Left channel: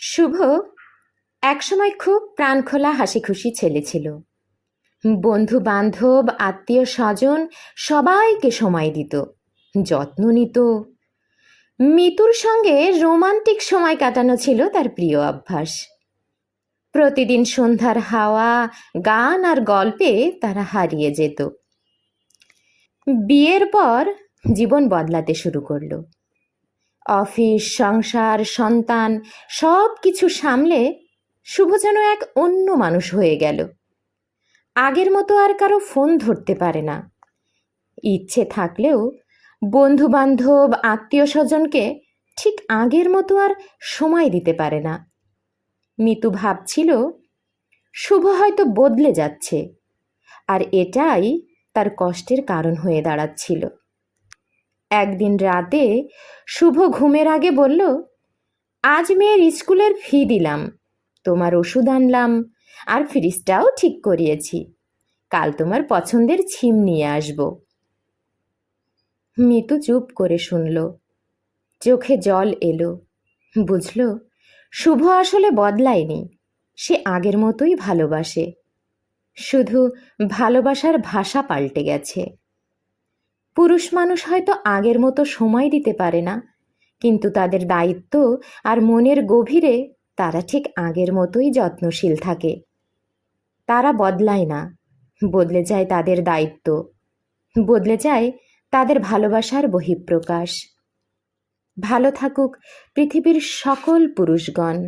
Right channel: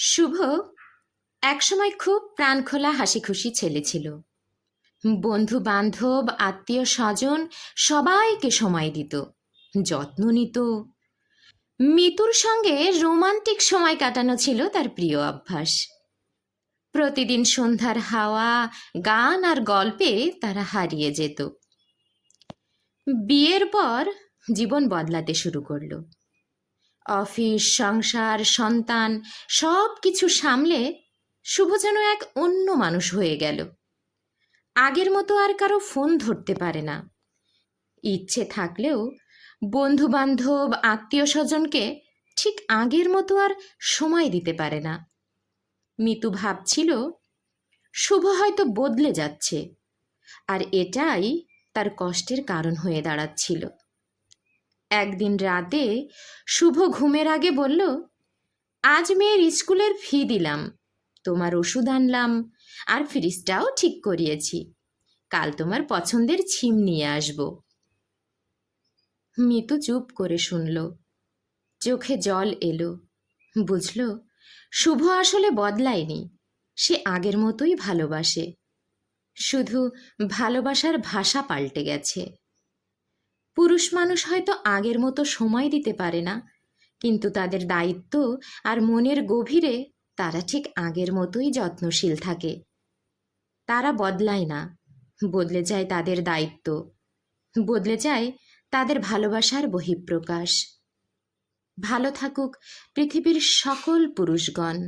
শুভ একসময় খুব প্রাণখোলা হাসিখুশি ছেলে ছিল। বন্ধু বান্ধব আত্মীয় স্বজন সবাইকে সময় দিত, যত্ন নিত। মিতুর সঙ্গে রোমান্টিক সময় কাটানো ছিল তার প্রিয় অভ্যাস। প্রতিদিন সন্ধ্যার হাওয়া, গান আর গল্পে তারা হারিয়ে যেত। বিয়ের পর জীবন বদলাতে শুরু করলো। অফিস, সংসার, সন্তান সব কিছু সামলে শুভ যেন এক অন্য মানুষ হয়ে গেল। আগের মতো আর কারো ফোন ধরতে পারে না। ইচ্ছে থাকলেও বন্ধু বান্ধব আত্মীয় স্বজনকে ঠিক আগের মতো আর সময় দিতে পারে না। মিতু ভাবছিল শুভ হয়তো বদলে যাচ্ছে, আর এটাই তার কষ্টের কারণ হয়ে দাঁড়াচ্ছিল। একদিন রাতে শুভ ঘুমের আগে বলল, আজ মেয়ের স্কুলের ফি দিলাম, তোমার ওষুধ আনলাম, আর ফ্রিজটাও ঠিক করিয়েছি। কাল তোমার পছন্দের ছিম নিয়ে আসব। মিতু চুপ করে শুনল, চোখে জল এলো। বুঝল শুভ আসলে বদলায়নি, সে আগের মতোই ভালোবাসে, শুধু ভালোবাসার ভাষা পাল্টে গেছে। পুরুষ মানুষ হয়তো আগের মতো সময় দিতে পারে না, কিন্তু তাদের দায়িত্ব আর মনের গভীরে তারা ঠিক আগের মতোই যত্নশীল থাকে। তারা বদলায় না, বদলে যায় তাদের দায়িত্ব, বদলে যায় তাদের ভালোবাসার বহিঃপ্রকাশ। ভালো থাকুক পৃথিবীর সকল পুরুষগণ।